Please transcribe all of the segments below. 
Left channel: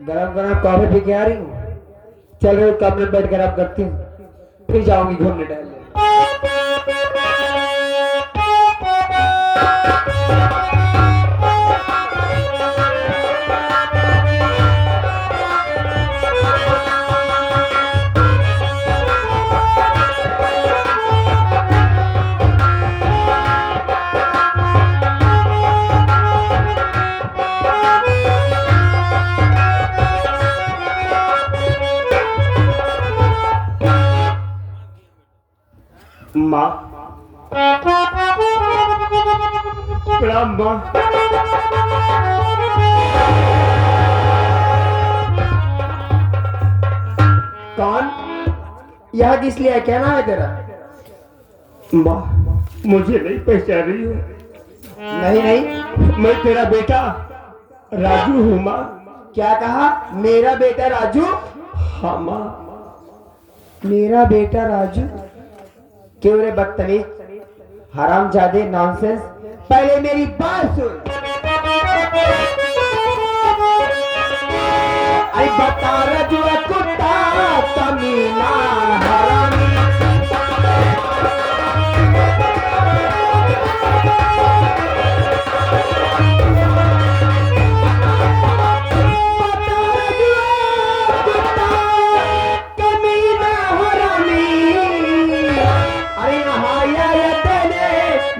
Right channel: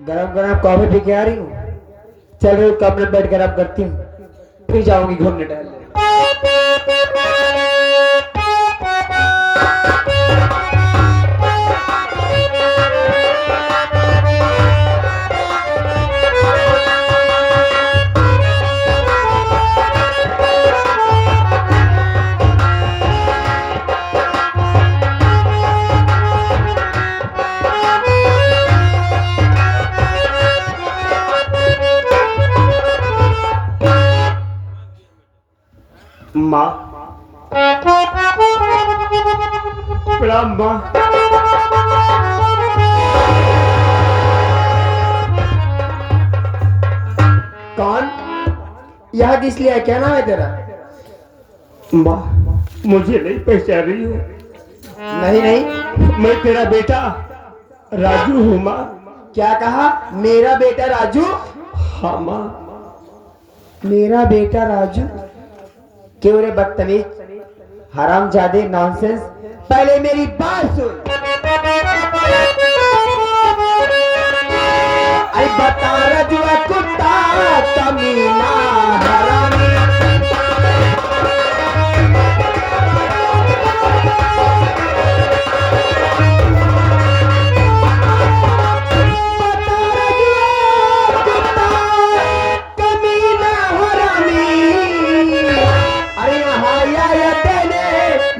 गरम गरम coffee P के आ रही हूँ। चल रही कमरे में बैठ कर अब करती हूँ, फिर जाऊंगी घूमने टहलने। माँ, प्रणाम माँ। कौन? यह किस लिए है? क्या नाम है तेरा? माँ, मुझे नहीं पहचान रही है। नहीं नहीं, मैं तेरा बेटा राजू हूँ माँ। क्या कहा? मेरा बेटा राजू? हाँ माँ। मेरा बेटा राजू? क्यों रे बदतमीज, हरामजादे, नॉनसेंस। पहले मेरी बात सुन। अरे बता राजू कुत्ता कमीना हरामी।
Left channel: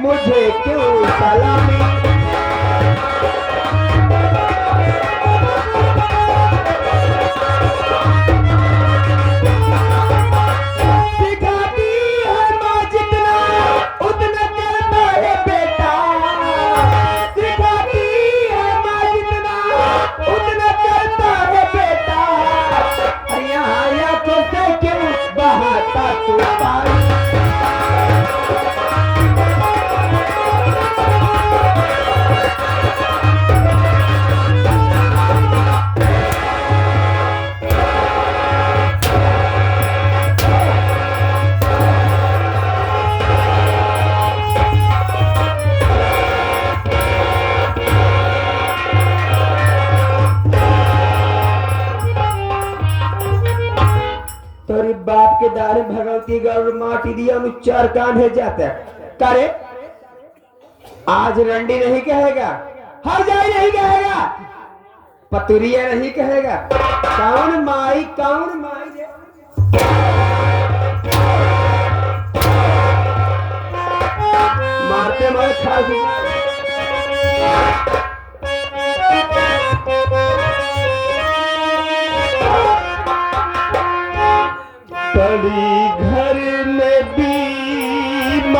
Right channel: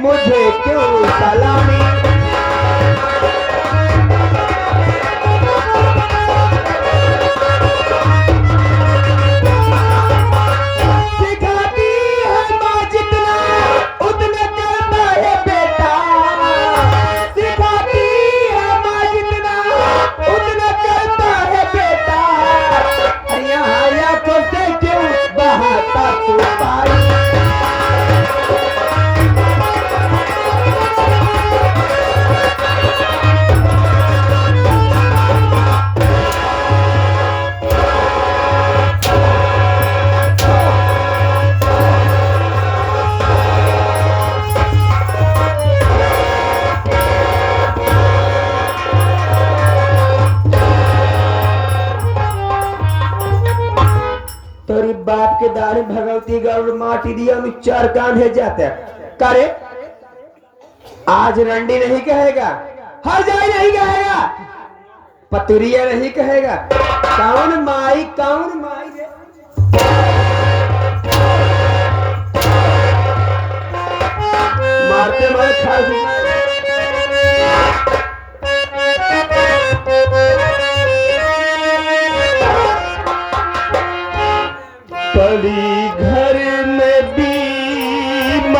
मुझे क्यों सलामी? सिखाती है माँ जितना उतना करता है बेटा। सिखाती है माँ जितना उतना करता है बेटा। यहाँ या तो से क्यों बहाता तू पानी? तोरी बाप के दारू भगवती गौर माटी दिया चार कान है जाता है करे। आज रंडी नहीं कहेगा, हर जाए नहीं कहेगा, पतुरिया नहीं कहेगा। कौन माई कौन माई है? मारते मारे खास पड़ी घर में बीमार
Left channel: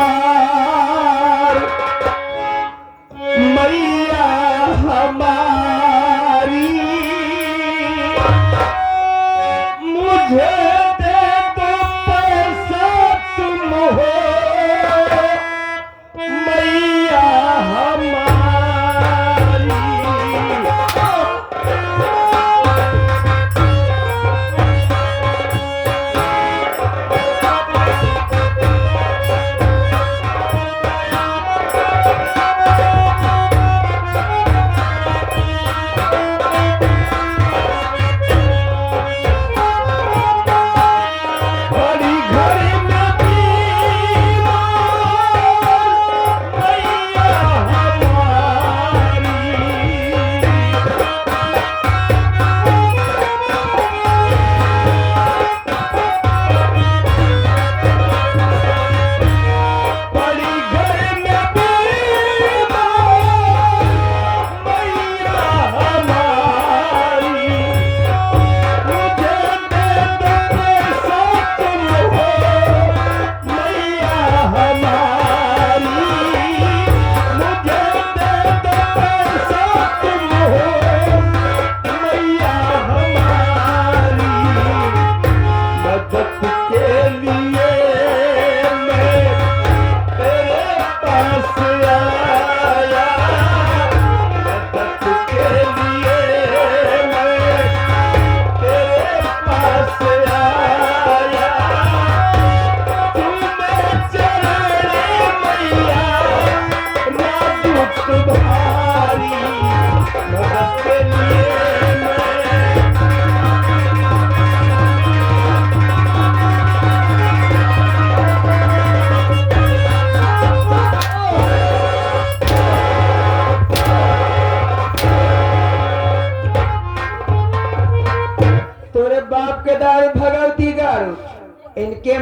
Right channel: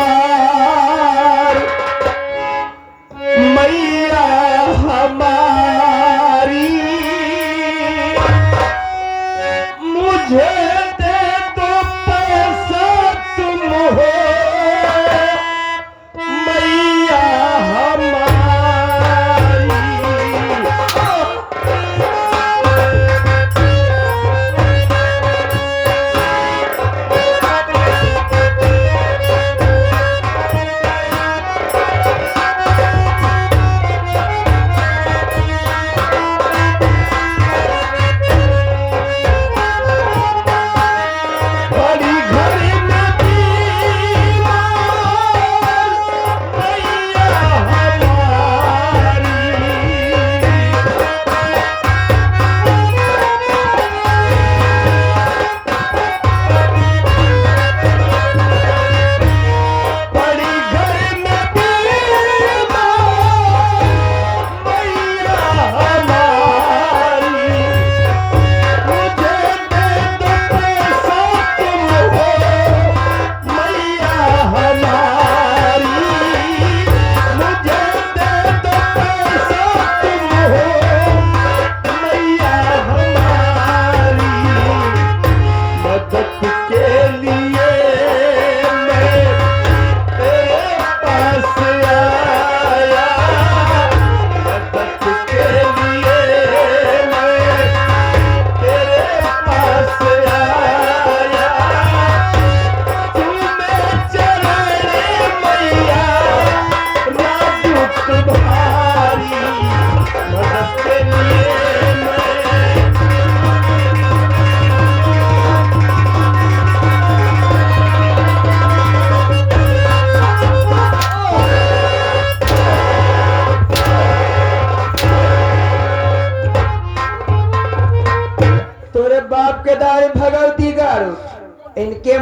मैया हमारी। मुझे दे दो पैसा तुम हो मैया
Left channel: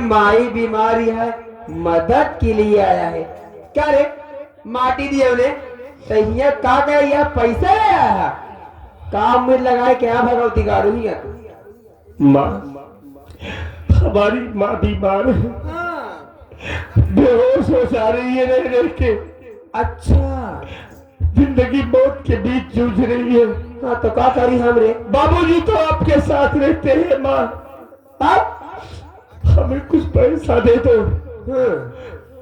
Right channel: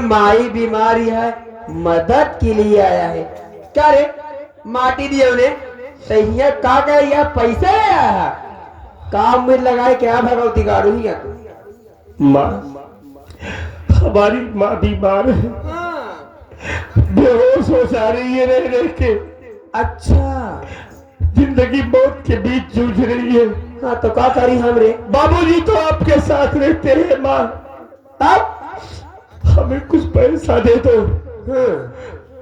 माई बीमारी है, मदद के लिए आया है। क्या रे माटी दिए उन्हें तैयार का गए या पैसे ले आया काम में लगाए क्या भगवती गारू ही माँ, हमारी माँ बीमार है, बेहोश हो जा रही है रह रह के। अच्छा जिंदगी मौत के बीच जूझ रही है। हाँ तो क्या करी हम रे? बाबूजी तो आपके साथ रहते हैं माँ, अब हमें कुछ पैसा दे दो,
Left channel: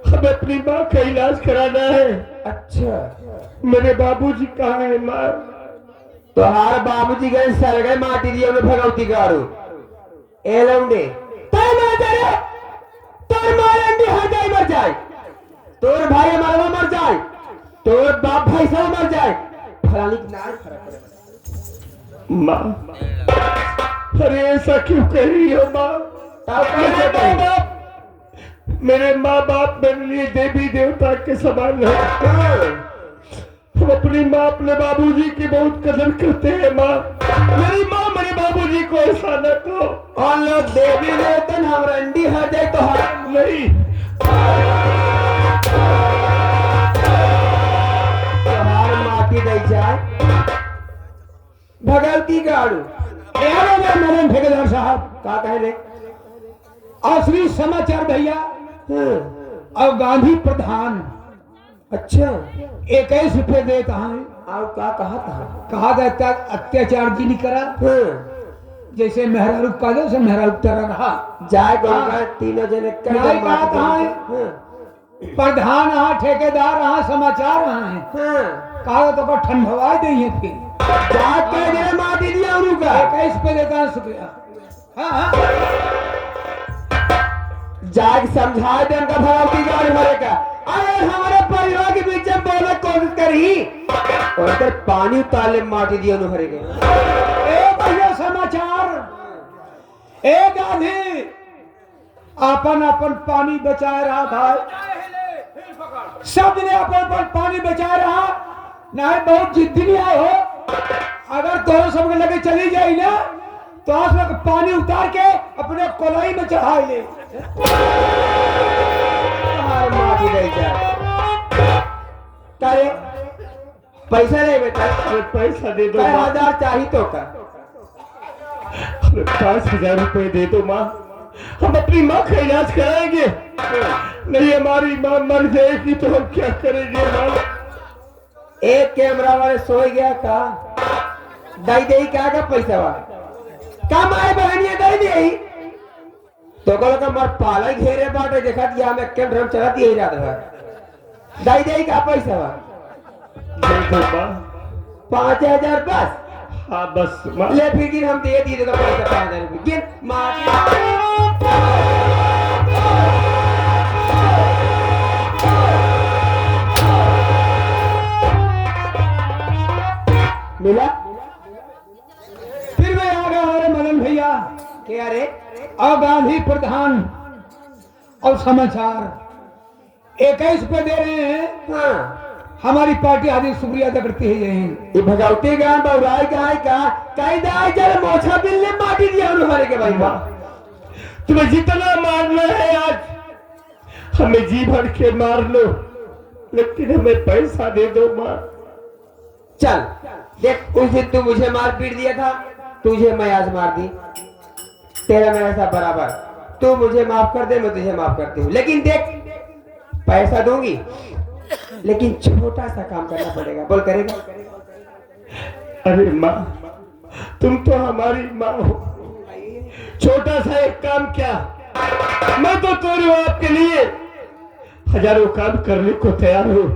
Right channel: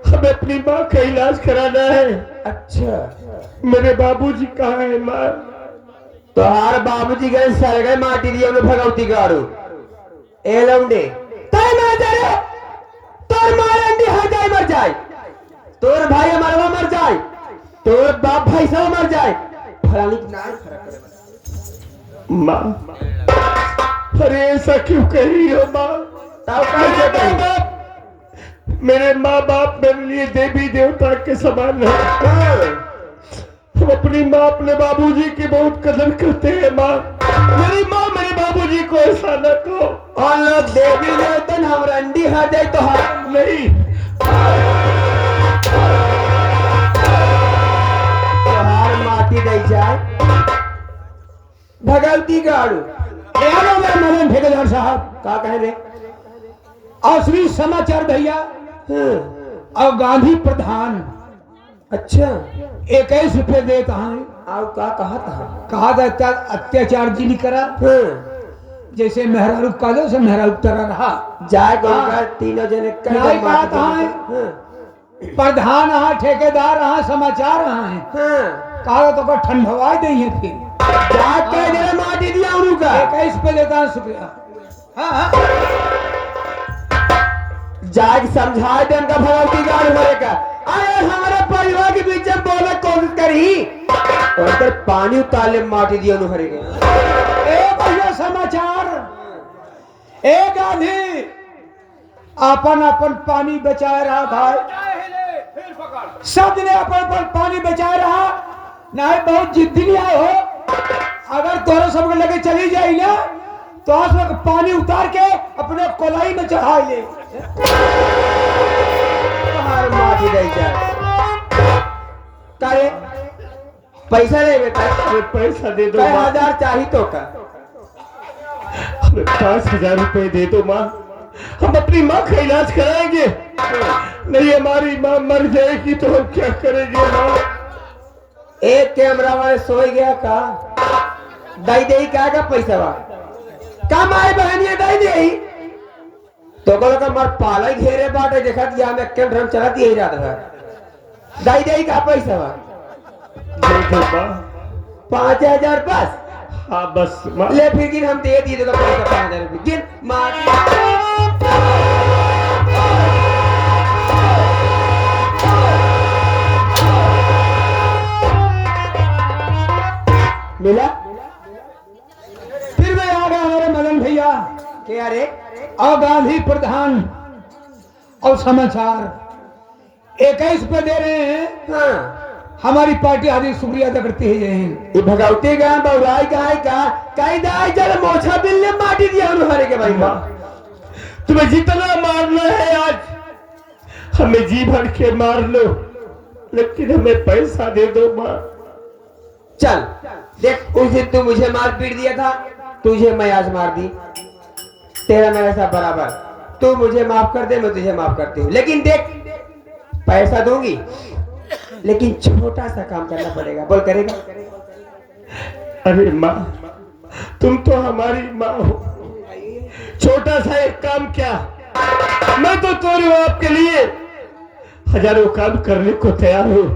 हमें अपनी माँ का इलाज कराना है। अच्छा मेरे बाबूजी कहाँ है माँ? तो हार बाबूजी गए सर गए माटी दिए में भगवती गारू ए लौंडे तय मैं तेरे तोर मारेंगे हो जाए मर जाए, तोर भाई हमारा मर जाए, तोर बाप भाई सब मर जाए, फलानी की नाम फर्क करे माँ। अरे ऐसा क्यों कह रही हो माँ? तब कैसे कहीं मेरे माँ बाप मेरे लिए देवी देवता के समान है। हम अपनी माँ अपने बाबूजी की बहुत कदर करते हैं माँ। मेरी माँ मेरे बाबूजी को ऐसा न कहो। और लोग देवी देवतन हम रंडी हट जाए तो हम नहीं, हार माटी दे जाए भगवती गाड़ू मदन ठेकेदार साहब का कहे रे? असली समाचार भैया और गांधी प्रधान अच्छा 21 रुपए देता है। आओ का कहा था? कहा था अत्याचार जी नहीं करा, जैसे मेहरारू का दे उसे मेहरारू तरह रहा जाए गोलका तीनों जने कई नहीं बार बात है। प्रधान हाँ ठेकेदार हाँ समाचार हाँ है कहा तो ठंडवाई दे है फिर जाके जरा माटी दिया उनका 21 रुपए देता है शुक्रिया। हाँ जाग समझाए देन का भगवती गाड़ी भरे का अरे हमारे परिवार के बीच में बोले कौन करी और इधर पानी उताले माटी दिया उन्हें भरे गए। ए भैया समाचार ए गांधी अपन अपन पानी बचाए रहा भाई, सब ने अपन अपन पानी बचाए रहा नहीं बहुत जिद्दी नहीं आए हो। अगर तोरे सब लगे चली जाए ना तो आज लोग पानी उतार के अपने कोलाई में चढ़ा ले हमारे माटी दे जाए करे पैसा ले बेटा हमें पैसा दे दो माँ। 1000 चाहिए तो का हमें 5000 रुपए दे दो माँ, हम अपनी माँ का इलाज कराएंगे। नहीं हमारी माँ मर जाएगी तो हम क्या करेंगे माँ? एक कैमरा वाले सोए गया का दई दे का पैसा वा कम आए बहनिया दई दे तो बोलो का मर पाला घेरे बाटे देखा दिया मैं कल ड्रम चला दिया ही रात भर दई दे का पैसा वा दे दो माँ। 5000 बस हाँ बस माँ। ले फिर गिन हम दे दिए तो पैसा 5000 रुपये गिन मार मिला फिर मैं आ गया हमारे मदन भैया क्या रे? और गांधी प्रधान और समाचार 21 पे दे रहे हैं। हाँ हमारी पार्टी आदि शुक्रिया अदा करती है। ये भगवती गान बउराई का है का कई दाई जल मोछा बिल्ले माटी दिया उन्हें हरे के भाई माँ तुम्हें जितना मारना है आज हमें जी भर के मार लो, लेकिन हमें पैसा दे दो माँ। चल देख उस दिन तू मुझे मार पीट दिया था, तुझे मैं आज मार दी, तेरा मेरा सब बराबर। तू मुझे माफ कर दे मैं तुझे माफ करती हूँ, लेकिन देख पैसा दूंगी लेकिन छोटा सा काम करना पड़ेगा। बोल करेगा? अरे माँ तुम तो हमारी माँ हो, छोटा सा एक काम क्या, मैं तो तोरू आपके लिए हजारों काम करने को तैयार हूँ।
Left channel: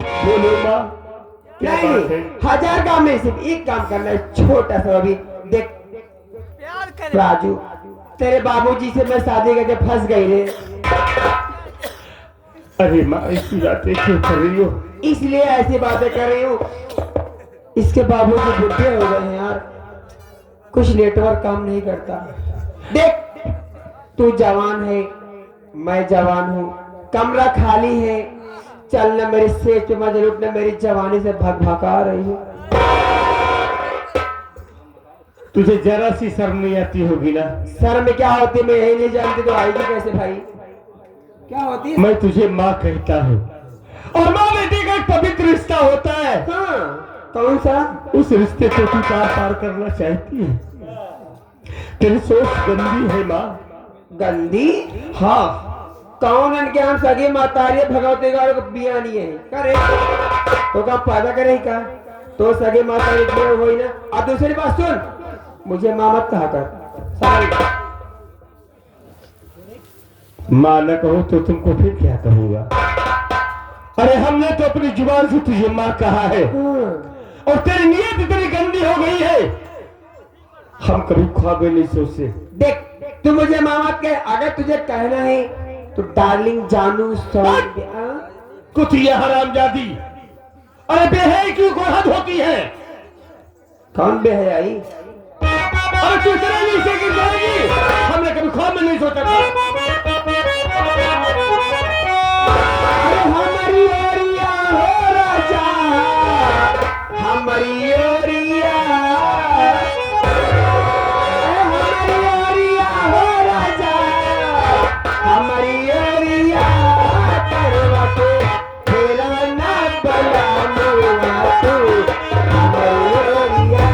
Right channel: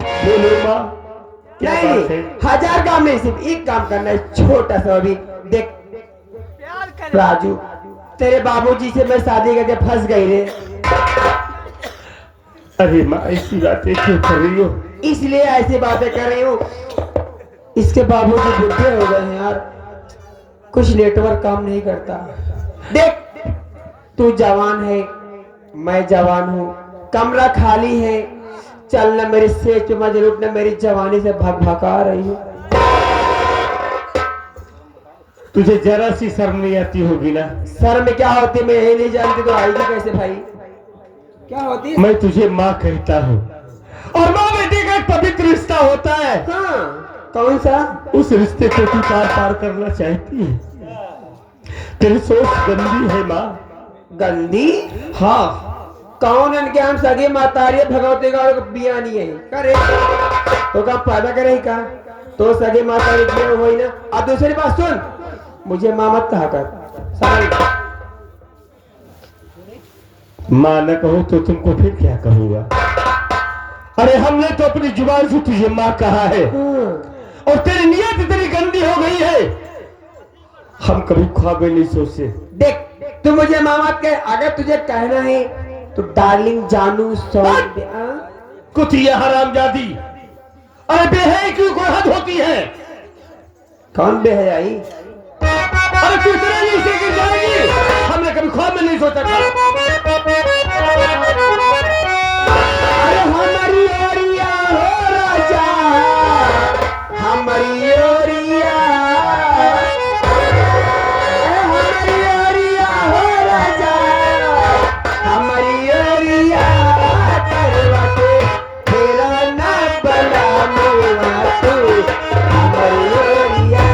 बोलो माँ क्या नहीं बात है? 1000 काम नहीं, सिर्फ एक काम करना है छोटा सा। अभी देख राजू तेरे बाबूजी से मैं शादी करके फंस गई रे। अरे माँ ऐसी बातें क्यों कर रही हो? इसलिए ऐसी बातें कर रही हूँ, इसके बाबूजी बुढ़े हो गए हैं यार, कुछ नेटवर्क काम नहीं करता। देख तू जवान है मैं जवान हूँ, कमरा खाली है, चलना मेरे सेज पे मत लुटना, मेरी जवानी से भग भगा रही है। तुझे जरा सी शर्म नहीं आती होगी ना? सर में क्या होती मैं यही नहीं जानती तो आएगी कैसे भाई? क्या होती है? मैं तुझे माँ कहता हूँ और माँ बेटे का एक पवित्र रिश्ता होता है। हाँ, कौन सा? उस रिश्ते को तू पार करना चाहती है। तेरी सोच गंदी है माँ। गंदी? हाँ, कौन इनके हम सगे मातारी भगवती गौड़ को बिया नहीं है करे तो का फायदा करे का तो सगे मातारी में हो ही ना। अब दूसरी बात सुन, मुझे माँ मत कहा कर समझ। माँ न कहो तो तुमको फिर क्या कहूँगा? अरे हमने तो अपनी जुबान से तुझे माँ कहा है और तेरी नीयत इतनी गंदी हो गई है, हम कभी ख्वाब में नहीं सोचे। देख तू मुझे माँ मत कह, अगर तुझे कहना है तो डार्लिंग जानू कुतिया हरामजादी। अरे बेहयाई की कोई हद होती है? कौन बेहयाई? अरे तू इतने नीचे गिर जाएगी, हमने कभी ख्वाब में नहीं सोचा था। अरे हमारी ओरिया हो राजा, हमारी ओरिया, हमारी ओरिया हो राजा, हमारी ओरिया करवाते तेरा ना बला मुआ तू, हमारी ओरिया।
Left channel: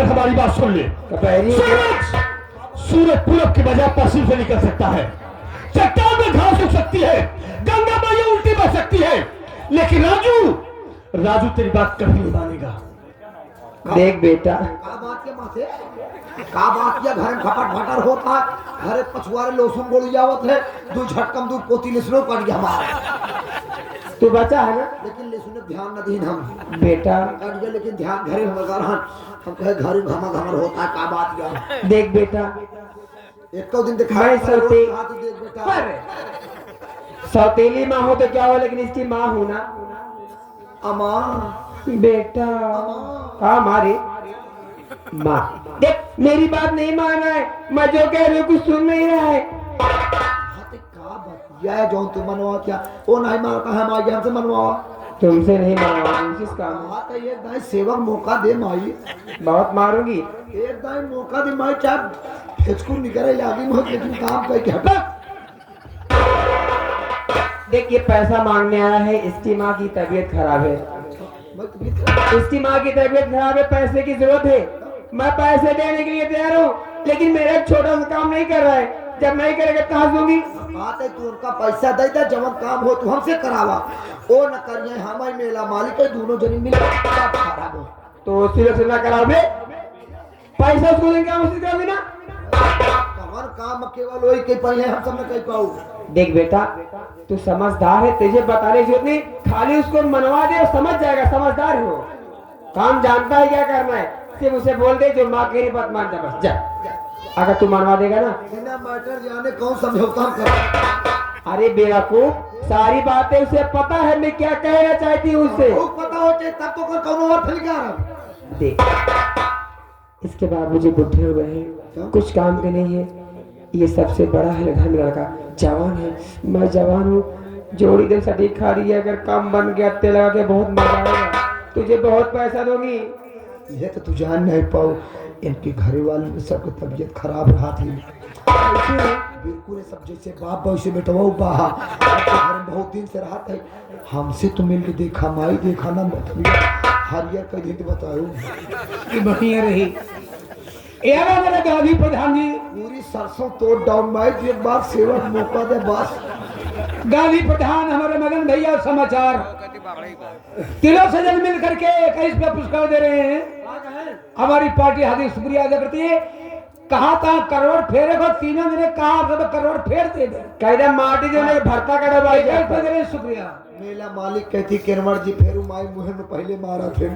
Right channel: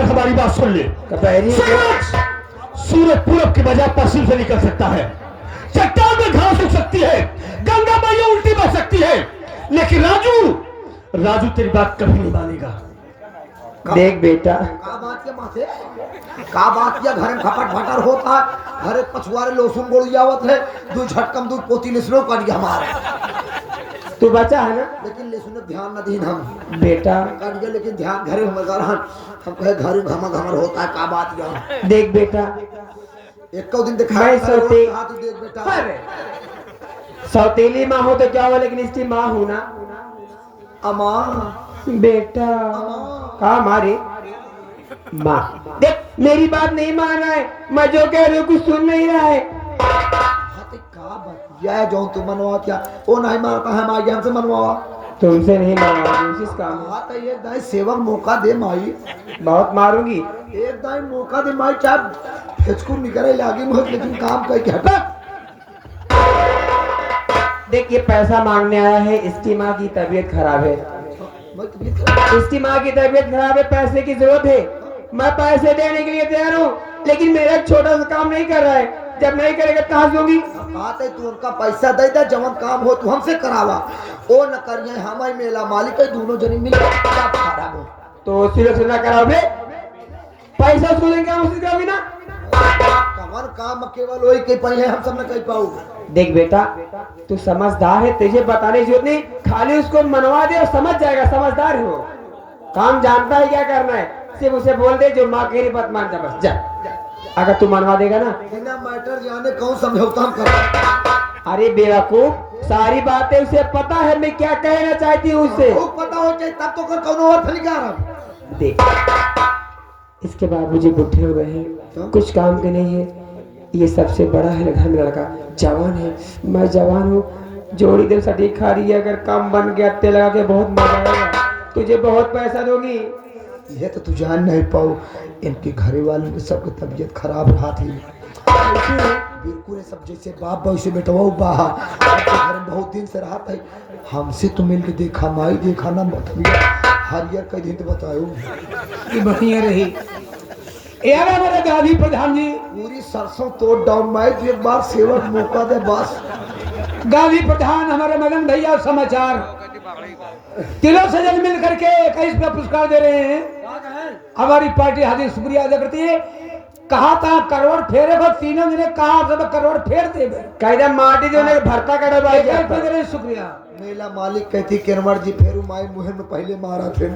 हमारी बात सुन ले। सूरज पूरब के बजाय पश्चिम से निकल सकता है, चट्टान में घास उग सकती है, गंगा मैया उल्टी बह सकती है, लेकिन राजू तेरी बात कभी नहीं मानेगा। देख बेटा, का बात के माथे का बात या घर में खपट फटर होता है, घर पछुआरे लोसुन गोली आवत है, दू झटकम दू पोती लिसनो कर दिया हमारा। तू बचा है ना? लेकिन लिसने ध्यान न दीन हम बेटा कर दिया, लेकिन ध्यान घरे में लगा रहा हम कहे घर घमा घमर होता है का बात या। देख बेटा, एक दिन देखा मैं सोते तू देख बेटा, सौतेली माँ हो तो क्या हो, लेकिन इसकी माँ हूं ना। अमा बेटा कहा हमारी माँ, देख मेरी बात नहीं मान रहा है, मैं जो कह रही हूँ कुछ सुन नहीं रहा है। का बात या जो तू मनवा क्या वो नहीं मानता है माई हमसे मनवा, तुमसे नहीं मारूंगा, कोशिश काम तो एक दाई सेवक मौका दे माई, बहुत मारूंगी। एक दाई मौका दे माई, चाहे इसको निकले लागी मत, लेकिन काम करके हटा। देख ये पैसा मांगने आया है, इसकी माँ की तबीयत खराब है, इसकी माँ की तबीयत खराब है, पैसे की जरूरत है, मैं पैसे देने के लिए तैयार हूँ, लेकिन मेरा छोटा सा काम नहीं कर रहा है। जब नहीं करेगा कहाँ दूंगी? कहते तू उनका पैसा दे दे, जवन काम हो तू हमसे करावा। ओ न करिए, हम मेला मालिक है, दोनों जनी मिल खराब हो तो सिर्फ से ना करावे, पैसा उसको देंगे, हम उससे करावी ना। कवन काम केवल वही कह पाई है, हम सब न कह पाऊ। देख बेटा, तू समझदार है, तुझे बताने की जरूरत नहीं, खाली उसको मनवा दे और समझ जाएगा, समझदार है वो, काम जानता है क्या करना है। सिर्फ उसे बोल दे जो माँ की बात मान जा, बस जा। अगर तू मनवा देगा ना, बिना मैटर जाने कौन समझौता हम कर। अरे बेवकूफ, सारी बातें उसे पता है मैं क्या कहना चाहती हूँ उससे। पता हो चाहिए तब तो कर कौन और फिर क्या रहा। देख, इसके बाद मुझे बुढ़े हो गए हैं, कुछ काम के नहीं है, ये सबसे बड़ा है घर में लड़का, जवान है, मैं जवान हूँ, जोड़ी दिल सटीक खा रही है, अगर काम बन गया तेल लगा के बहुत मजा आएगा, तुझे बहुत पैसा दूंगी। ये तो तू जान नहीं पाओ, इनके घरे वालों की सबकी तबीयत खराब रहा थी, बिल्कुल सब जैसे बाप वैसे बेटवा बाहा, घर में बहुत दिन से रहा था। हमसे तो मिल के देखा माई, देखा ना हरियर कई दिन बताओ ये बढ़िया रही। यार मेरे गाजी प्रधान जी, पूरी सरसों तोड़ डाउन माई, एक बार सेवक मौका दे बस। गाजी प्रधान हमारे मदन भैया समाचार किलो से जल मिल करके 21 पे पुरस्कार दे रहे हैं। हमारी पार्टी हार्दिक शुक्रिया अदा करती है। कहा था करोड़ फेरे को, तीनों ने कहा सब करोड़ फेर दे दे, कहते माटी जो ने भरता करे भाई, दे रहे शुक्रिया। मेला मालिक कहती केरवर जी फेरू माई मुहे में पहले मारा थे।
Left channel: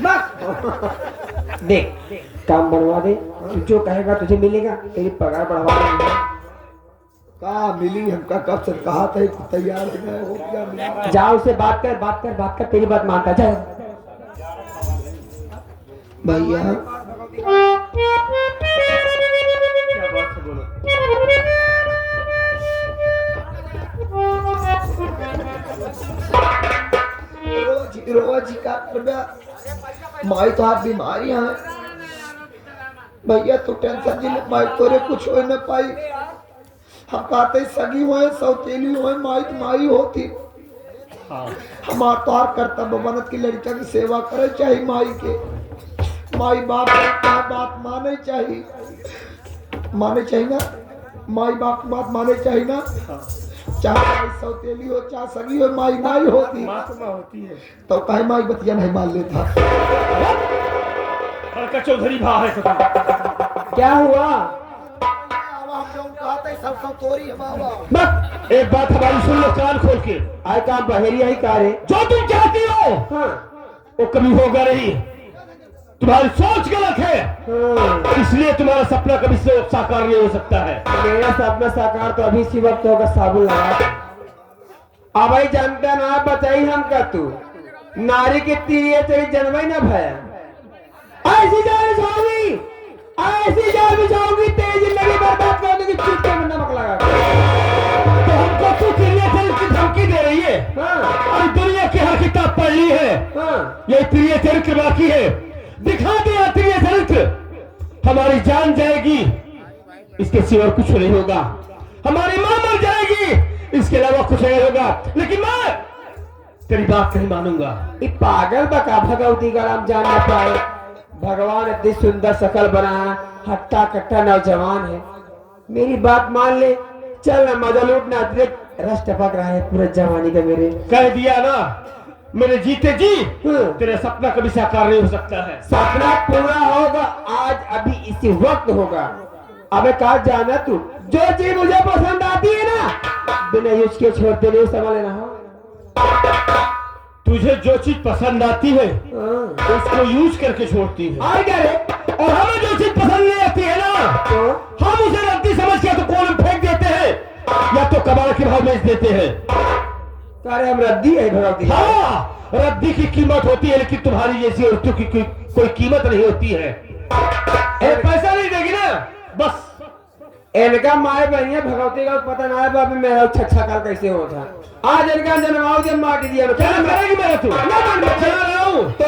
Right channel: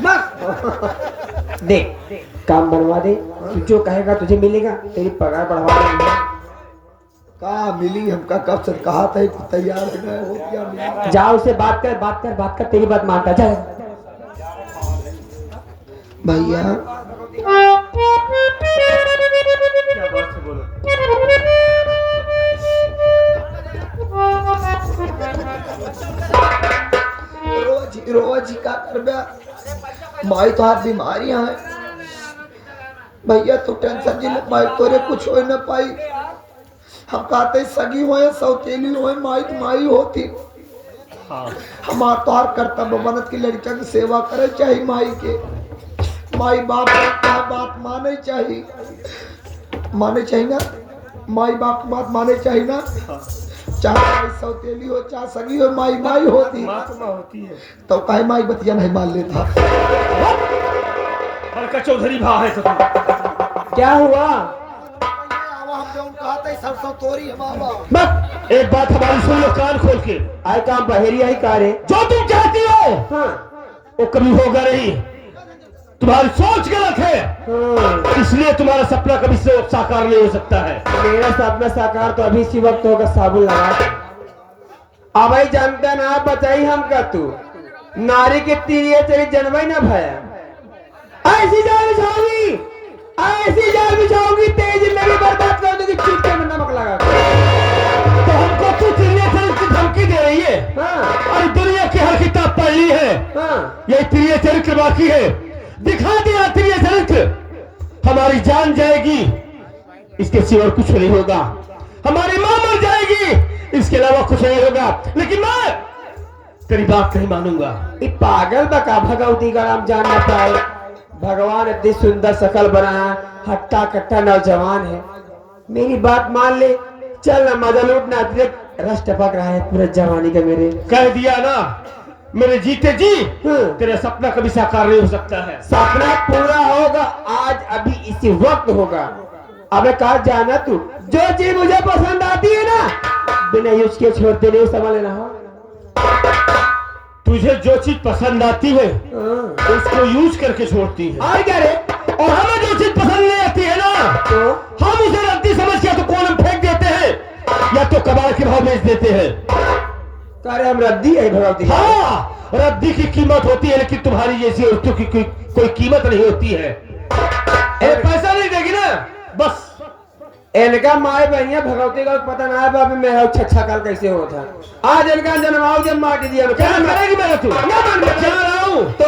बस देख, काम बनवा दे, जो कहेगा तुझे मिलेगा, तेरी पगार बढ़वा देंगे। कहा मिली हमका कब से कहा था कि तैयार है ना, हो क्या मिली। जा उससे बात कर, बात कर, बात कर, तेरी बात मानता जा। भैया रोज रोज का कर माई तो हाथ बीमारियां हैं भैया, तो टेंशन जी माई तोरे कुछ हो न पाई। हम कहते सगी हुए सौतेली हुए, माई तो माई होती। हमार तो हर कर्तव्य बनत की लड़का की सेवा करे चाहिए, माई के माई बाप का बात माने चाहिए, माने चाहिए ना, माई बाप की बात माने चाहिए ना। चाहे माई सौतेली हो चाहे सगी हो, माई माई होती होती है तो कहे माई बतिया नहीं मान लेता। चौधरी भा है तो क्या हुआ? सरसों तोरी बस एक बात हमारी सुन लो कान खोल के, आए काम बहेरिया ही कारे, जो तुम चाहती हो हाँ वो कभी होगा नहीं। तुम्हारी सोच गलत है, हाँ। इसलिए तुम्हारा सपना कभी साकार नहीं हो सकता है। मेरा सपना साकार तो अभी इसी वक्त होगा, साबुन लगा। अब भाई जानता ना, बताई हम का तू नारी के तीर तेरी जन्म ना भया, ऐसी जाल बिछाओगी, ऐसी जाल बिछाओगी, तेरी जिंदगी बर्बाद कर दूंगी, चुटकी में नमक लगा के। तो हमको तू त्रिनेत्र की धमकी दे रही है? हाँ और दुनिया की हर किताब पढ़ ली है, हाँ, ये त्रिय चरित्र बाकी है, दिखा दिया त्रिय चरित्र। हमारी जान जाएगी, इसके सिवा कुछ नहीं होगा, हमारी मां मर जाएगी, इसके अलावा कुछ नहीं होगा, लेकिन मैं तेरी बात नहीं मानूंगा। ये पागल बका भगवती का नाम जान ना पाए। भगवान इतनी सुंदर शकल बनाया, हट्टा कट्टा नौजवान है, मेरी बात मान ले, चल ना मजा लूटना, रस टपक रहा है पूरा जवानी का मेरे। कह दिया ना, मेरे जीते जी हाँ। तेरा सपना कभी साकार नहीं हो सकता है। सपना पूरा होगा, आज अभी इसी वक्त होगा। अबे कहा जाना तू, जो चीज मुझे पसंद आती है ना, बिना यूज के छोड़ते नहीं, समझ लेना। हाँ? तुझे जो चीज पसंद आती है हाँ। उसको यूज करके छोड़ती है, और क्या रे? और हमें जो चीज पसंद नहीं आती है ना, तो हम उसे रद्दी समझ के या तो कोने में फेंक देते हैं या तो कबाड़ के भाव बेच देते हैं। कह रहे हम रद्दी है भगवती। हाँ, रद्दी की कीमत होती है, लेकिन तुम्हारी जैसी औरतों की कोई कीमत नहीं होती है। पैसा नहीं देगी ना, बस इनका माए बहनिया भगवती का पता ना है, बाबी मेरा छक्का काल कैसे होता। आज इनका जन्माओ जब माटी दिया क्या करेगी मेरा तू? मैं चला रहा हूँ तो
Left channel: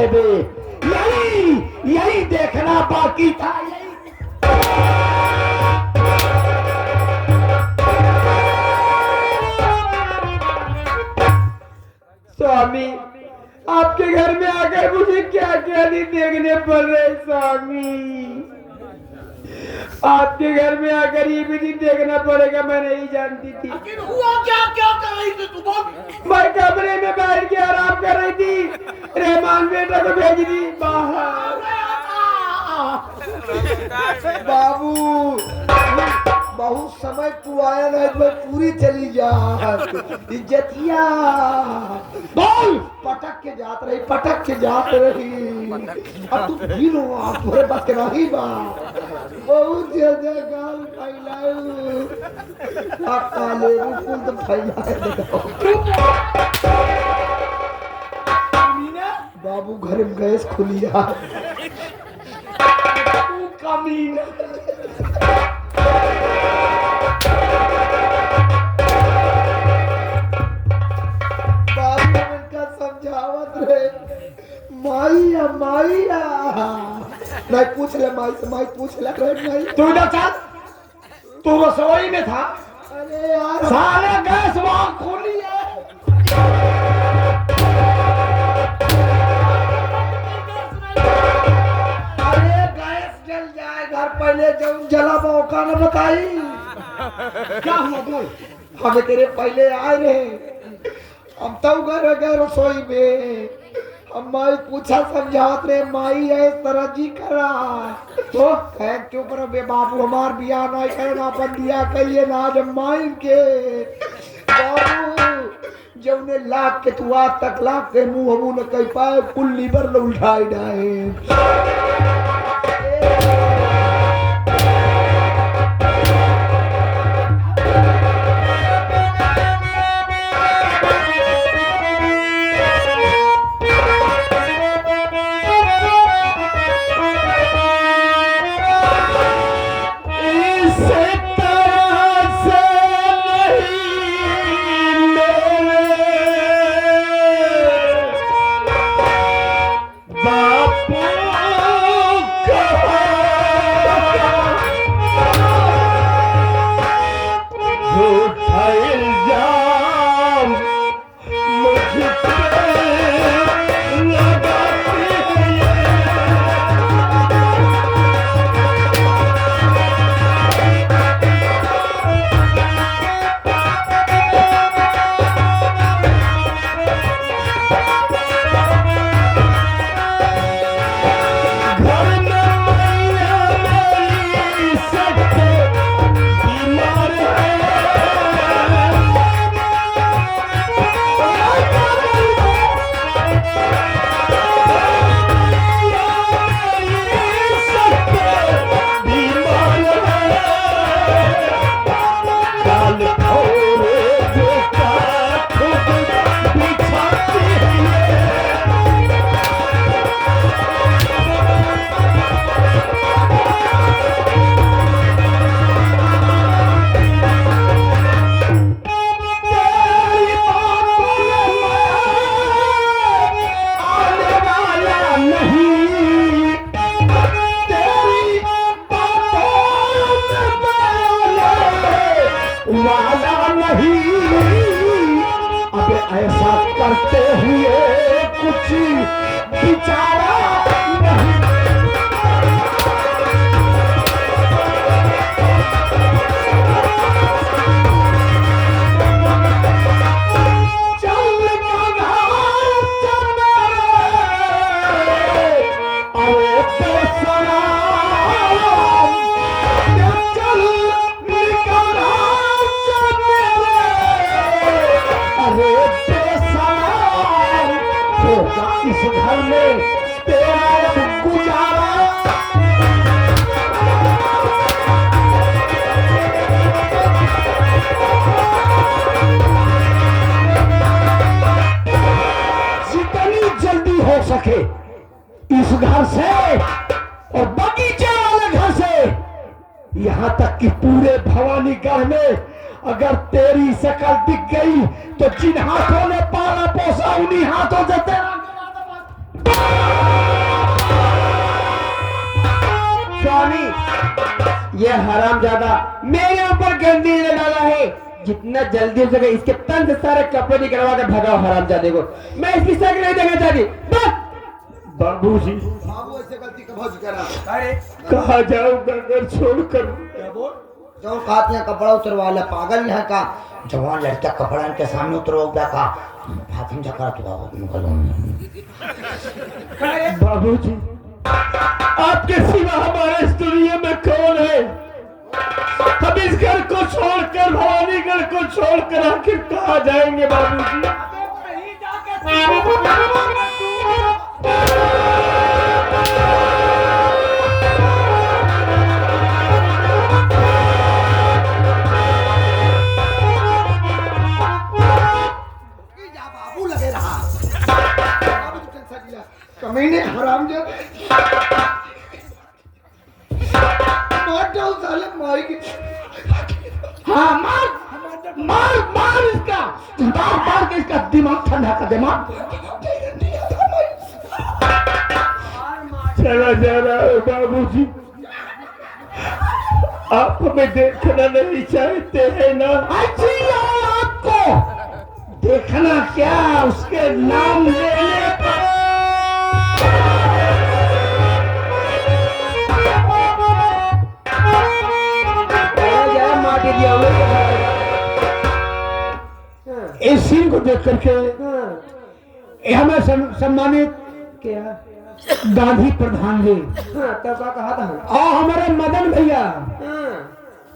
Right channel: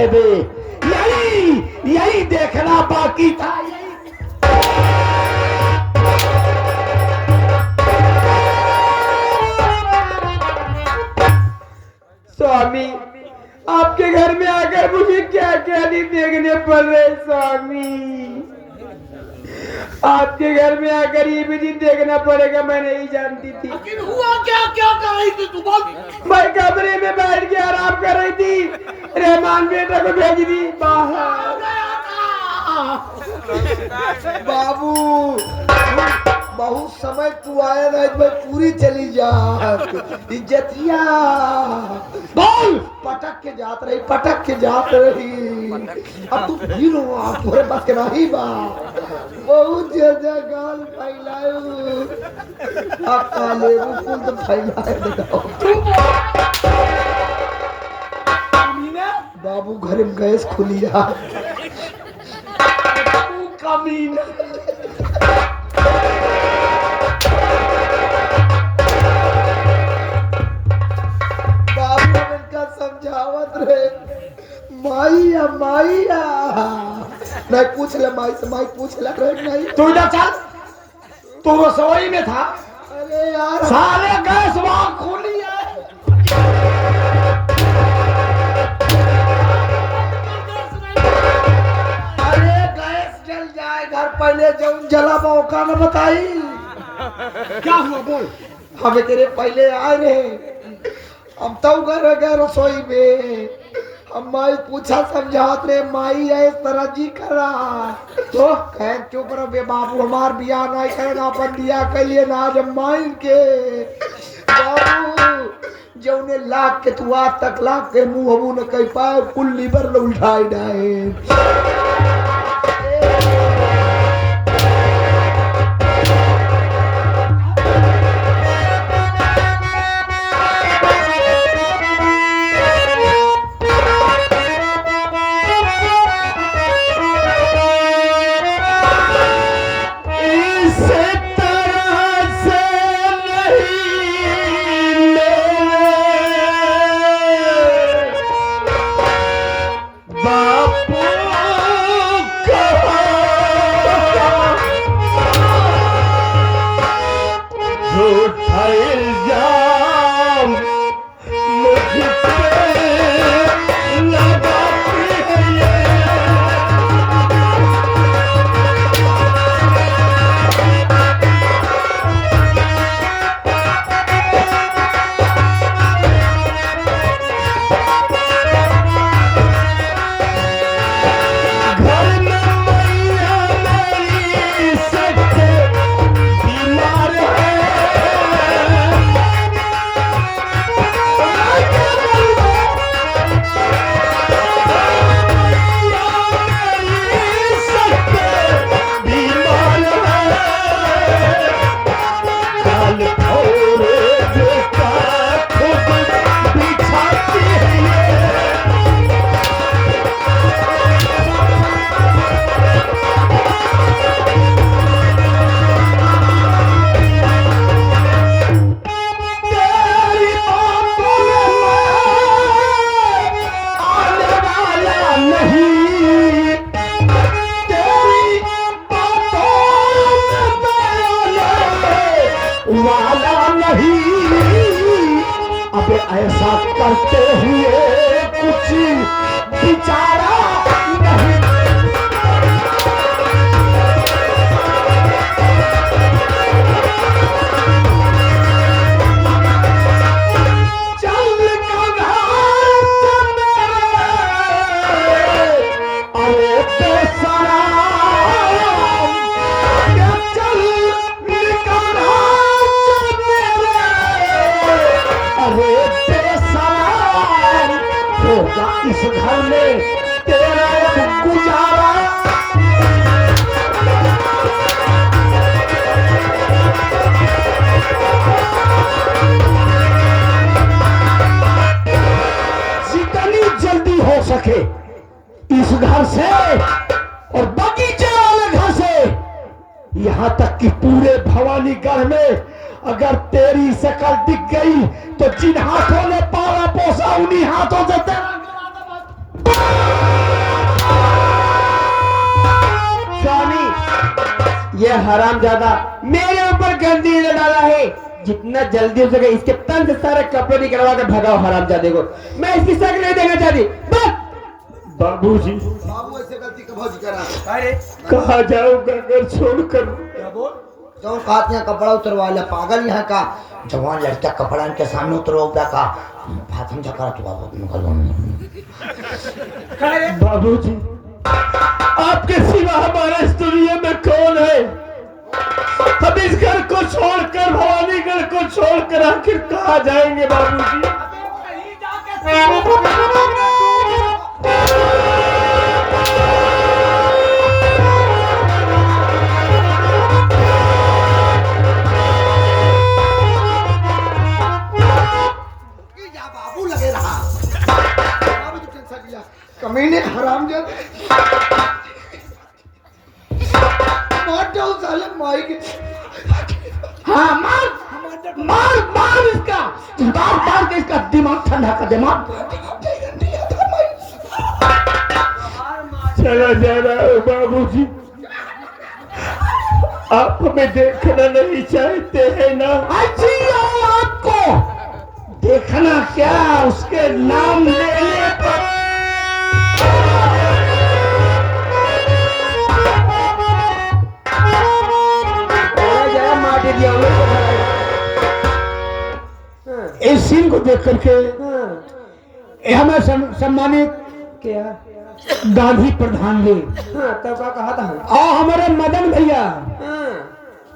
है बे, यही देखना बाकी था। स्वामी, आपके घर में आकर मुझे क्या क्या नहीं देखने पड़ रहे स्वामी। आपके घर में आकर ये भी नहीं देखना पड़ेगा, मैं नहीं जानती थी। हुआ क्या? क्या कर रही थी तू? बोल। मैं कमरे में बैठ के आराम कर रही थी, रहमान बेटा को भेज दी बाहर। बाबू बहुत समय तू आया ना, मैं पूरी चली जा इज्जतिया। बोल। पटक के जात रही। अब तू भीड़ हुआ, तुम्हारे पास के नहीं बा। बहुत ज्यादा गाल फैलाऊ, काले मुकुल तो फैलाए देखो। बाबू घर में गैस खुली जा। कमीना। बाबू इनका समझावत रहे, माइया नहीं पूछ ले, माई से माई पूछ ले नहीं। तू इधर चल, तू रसोई में था। अरे यार सारे गैस वहां खुली है। अरे गैस जल जाए घर, पहले जब जला मौका न बताई। क्या हुआ बोल। हमें तेरे पहले आए रहे, हम तो घर गए रसोई में। हम माई पूछा, समझात रे माई है इस तरह जी करा तो कह चुप रहो बे बाबू, हमार बियाह नहीं करना, अपन बियाह कहिए ना जब माई के। बाबू जौने लाख के तू आज तक लाख के मुंह हमू न कह पाए, कुल लीवर ल उठाए डाए। वाला नहीं। अब ऐसा करते हुए कुछ बिचारा नहीं। चल अरे बेसरा चल अरे बेसलाम होगा इस घर में तेरा गुजारा। जितनी जल्दी हो सके इस घर से और बगीचे वाले घर से, यहाँ तक कि पूरे भवानीगढ़ में अगर तेरी शकल दिख गई तो जिन हाथों ने पाला पोसा उन्हीं हाथों से तेरा ये हरामजादा मेरे ऊपर गंदी नजर डाला है। जितना जल्दी हो सके इसके तन से सारे कपड़े निकलवा कर भगाओ हरामजादे को। मैं इसकी शक्ल नहीं देखना चाहती। बस बाबूजी बाबू ऐसे गलती कब करा? अरे कहा जाऊंगा घर छोड़कर? क्या बोल? जो कहते हैं कपड़ा उतरवा ले, पागल यहाँ का जवान लड़का कपड़ा इनके सामने उतरवा का हाथम जा करा। बाबूजी आपके सिवा हमारे इस दुनिया में कौन है? हम इस घर को छोड़कर, भवानीगढ़ को छोड़कर आखिर कहाँ जाएंगे बाबूजी? बाबू लगे रहा। बाबू तो टेंशन लिया। कमीने हरामजादे मार दो साले माई के। हाँ मार मार मार इसका, मार के इसका दिमाग ठंडा कर दे। मार चला जा रहा है बाबूजी। आप हमें देखना नहीं चाहते हैं ना? अच्छी औलाद को देखना क्या, उसके नाम लेने पर इस सीन को देख करके हमें सम्मानित क्या? गांधी प्रधान जी तब का कहा था? और हमारे मदन भैया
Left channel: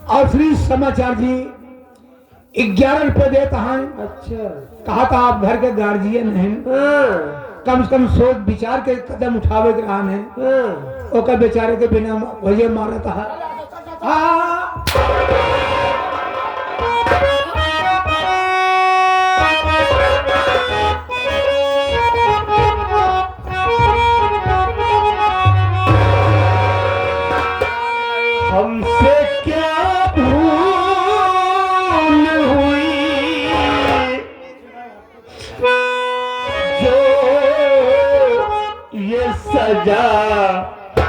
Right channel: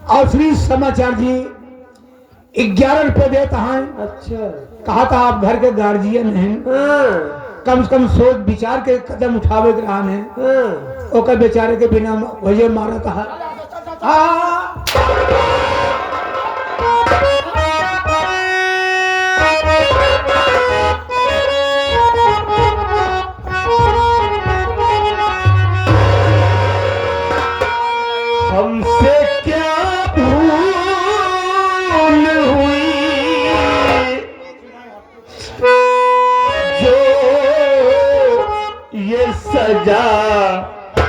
और श्री समाचार जी 11 रुपए देता है। अच्छा कहा था आप घर के गार्जियन हैं, कम से कम सोच विचार के कदम उठावे के रहा है। ओकर बेचारे के बिना वही मारा कहा। हमसे क्या भूल हुई जो ये सजा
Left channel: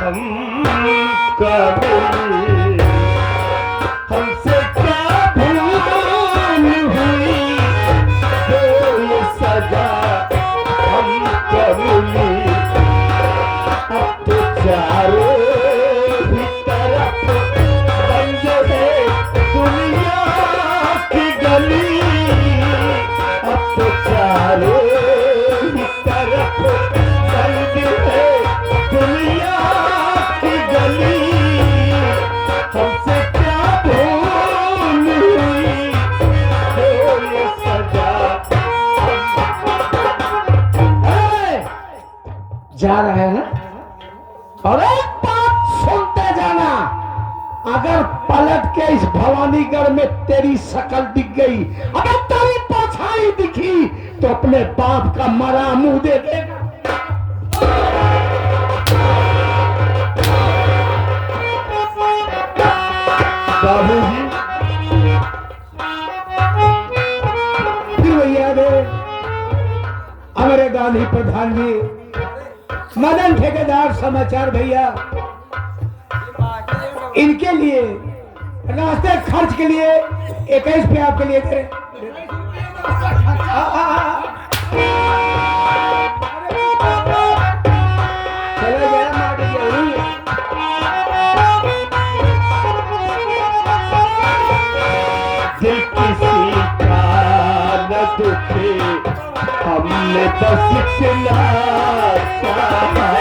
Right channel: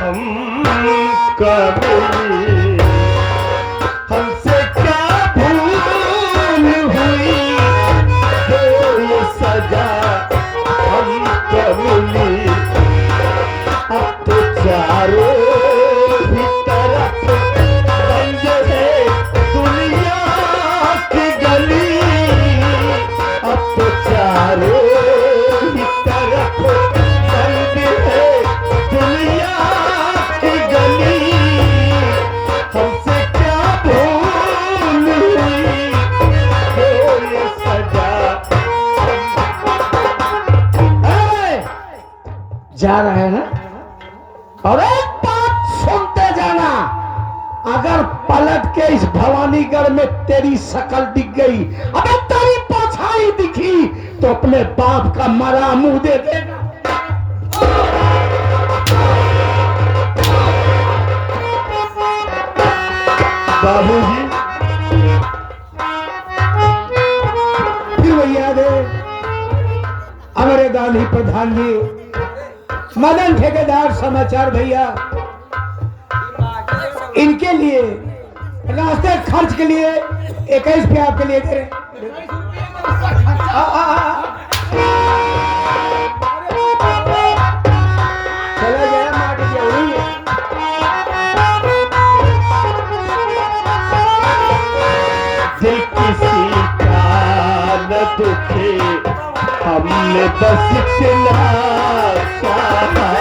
हमका मिली? हमसे क्या भूल हुई जो ये सजा हमका मिली? अब तो चारों ही तरफ बंद है दुनिया की गली। अब तो चारों ही तरफ बंद है दुनिया की गली। हमसे क्या भूल हुई जो ये सजा? जा रहा है ना, और एक बात सुनते जाना, अगर पलट के इस भवानीगढ़ में तेरी शक्ल दिख गई, अगर तेरी परछाई दिखी, तो अपने बाप का मरा मुंह दे देगा। बाबूजी फिर भैया दे हमारे गांधी प्रधान जी, मदन ठेकेदार समाचार भैया, इनके लिए रास्ते खर्च के लिए 21 रुपये आपके लिए दे रहे। चले गए मार दिया हुई। दिल किसी का न दुखे, हमने बस इतना चाहा।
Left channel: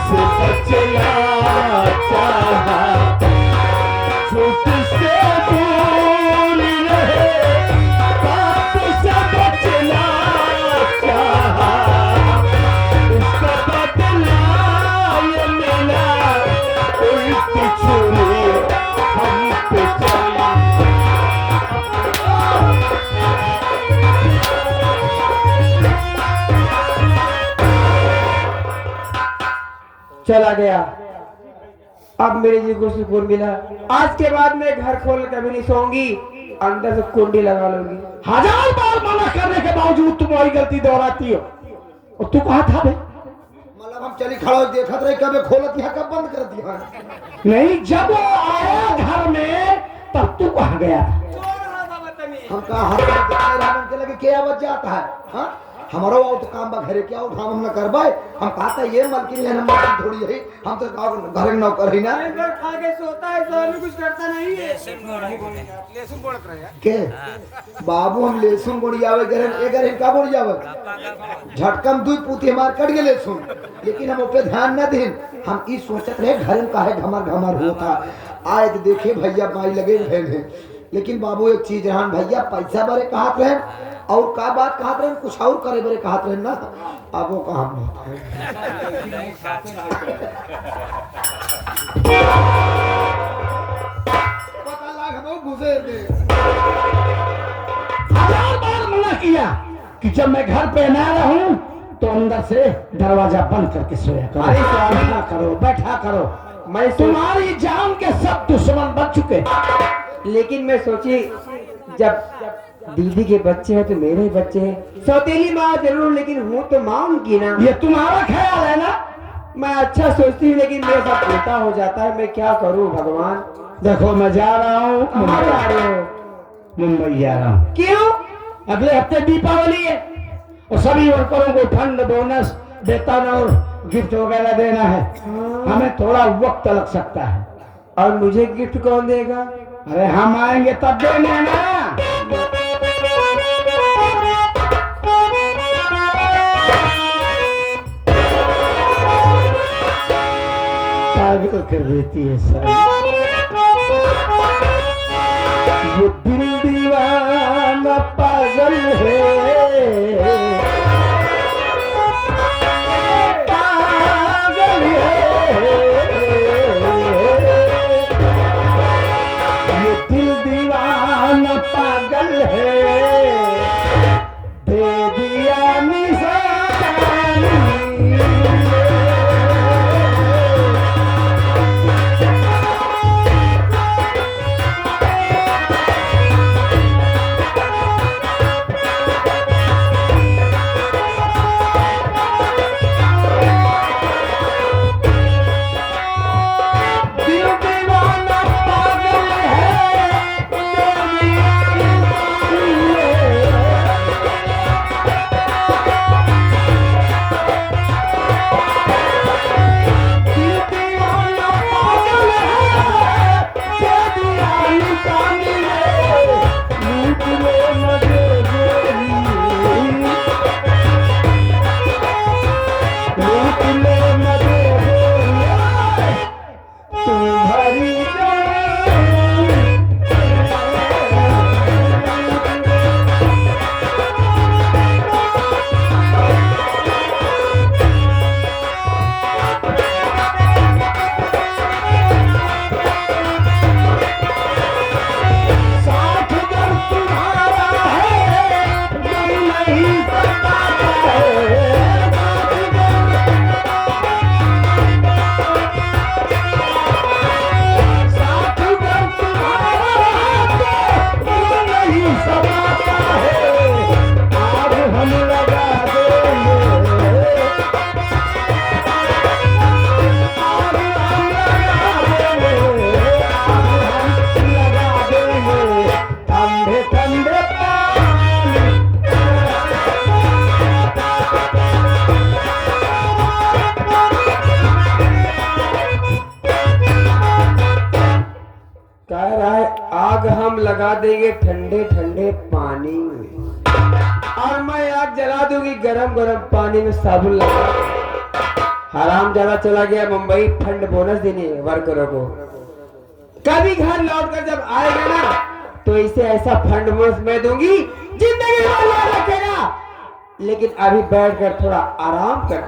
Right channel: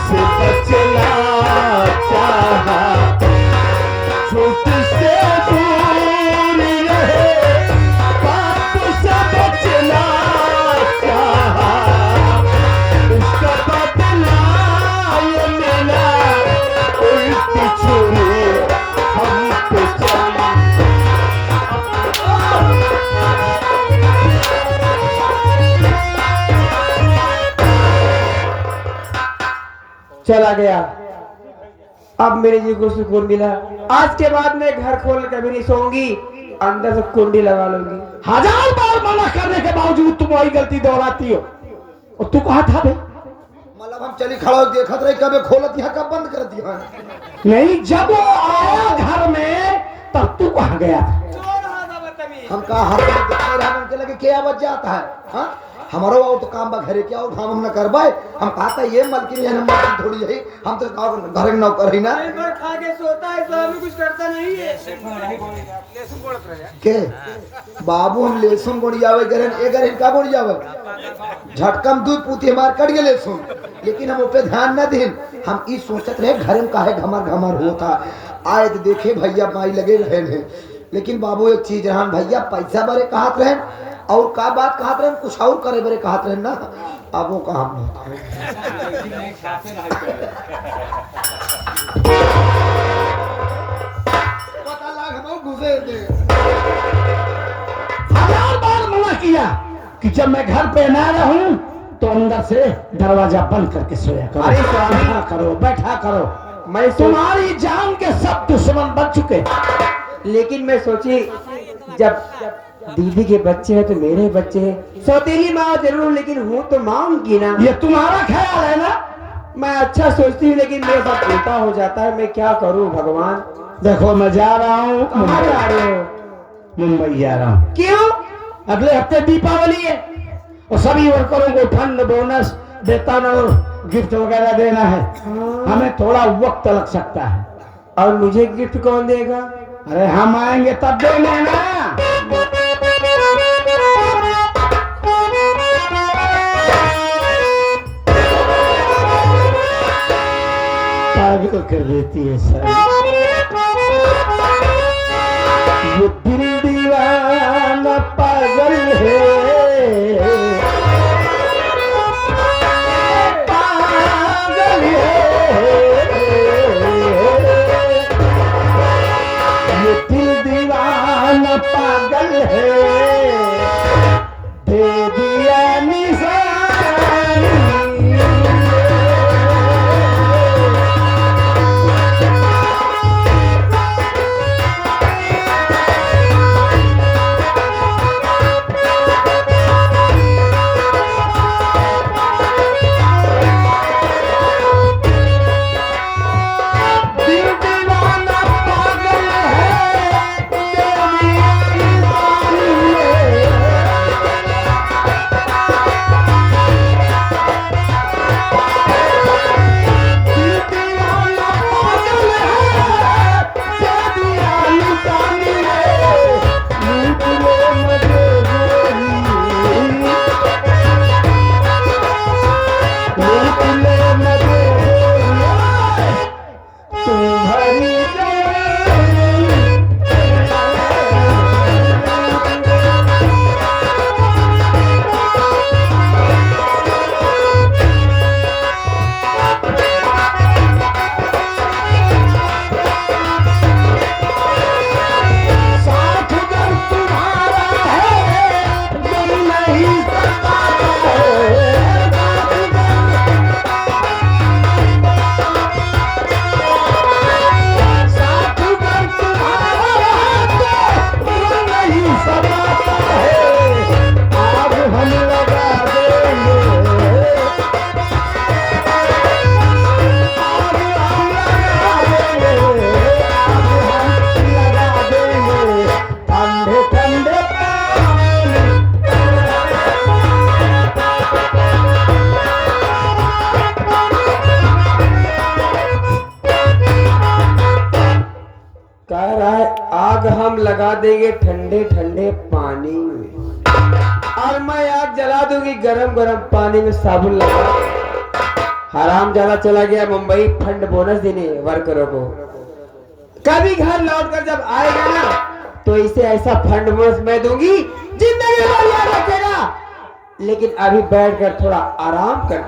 से बचना चाहा, झूठ से दूर रहे, पाप से बचना चाहा। उसका बदला ये मिला, उल्टी छुरी हम पे चली। चला गया। अब मेरे जी को सुकून मिला। आज के बाद मैं घर खोल कभी नहीं सोऊंगी, अंदर से कुंडी लगा लूंगी। 1000 बार मना करने के बावजूद तुम वही गलती दोहराती हो। और तू कहा था बे? मतलब हम चली खड़ा होके देखत रहे, कब खोलत यहाँ कब बंद कर दिया। नहीं, जब वो आया घर में तब तू कहाँ गया था? हम कहा हम देखते रहे, हमके लगे क्या आवाज जाता है। हाँ हमारो और तो काम बा घरे क्या और काम हम न करबाए। हम कहा था ये मलकिन है, मलकिन थोड़ी है, हम तो घर के नौकर ही ना। खा के सोता है, इस्लामी कुछ करता नहीं है। के बाबू हम लहसुन गुड़ियावे गरन ए गरन का गुड़ियावे झटकम दूध पूती हमार कट गए लहसुन, लेकिन हम पे ध्यान न दें। हम ई सोचत रहे घर में काहे घमर घमर होता। आए तो देखे भैया माई लगे रहे हैं, लेकिन बाबू एक चीज रहन भैया पैसा बारे कहत रहे और का बात कहत रहे, कुछ और करे बारे कहत रहे ना। अब वो कहा पता लाग हम घुसे थे। 1000 बार मना किया कि जब मैं घर पे ना रहूं तो अंदर से दरवाजा बंद करके सोया करो। अरे स्वामी। बैठा करो, बैठा करो। मैं तुम्हारी जान के सब दुश्मन बन चुके। लेकिन मैं सोची जब दीदी के बच्चे हैं तो मेरे बच्चे हैं। सौतेली माँ जरूर, लेकिन हूँ तो माँ उनकी ना। ये तुम्हारा ख्याल है ना? मैं अच्छा सोचती हूँ, लेकिन मेरे साथ उल्टा हो जाता है। मैं क्या करूँ भगवान। देखो मैं जा रहा हूँ कहाँ जा रहे हो? मुंबई जा रहा हूँ। क्यों? अगले हफ्ते दीपावली है और सभी वर्करों को फंड, बोनस, वेतन और गिफ्ट वगैरह देना है। हमें थोड़ा वक्त लग सकता है। और मुझे गिफ्ट कौन देगा? अरे हम आएंगे तब देने ना। पागल कर देती है सर। ये दिल दीवाना पागल है, पागल है। ये दिल दीवाना पागल है, दे दिया निशानी। लगा देंगे ठंडे ठंडे पानी में, और मैं आग जला दूंगी गरम गरम पानी में साबुन लगा। हराम ज्यादा चला गया मुंबई फंड बोनस देने वर्करों को। कभी घर लौट कर जब आएगा ना तो इसे ऐसा फंड बोनस मैं दूंगी जिंदगी भर याद रखेगा। लेकिन अभी बैठ कर थोड़ा आराम कर।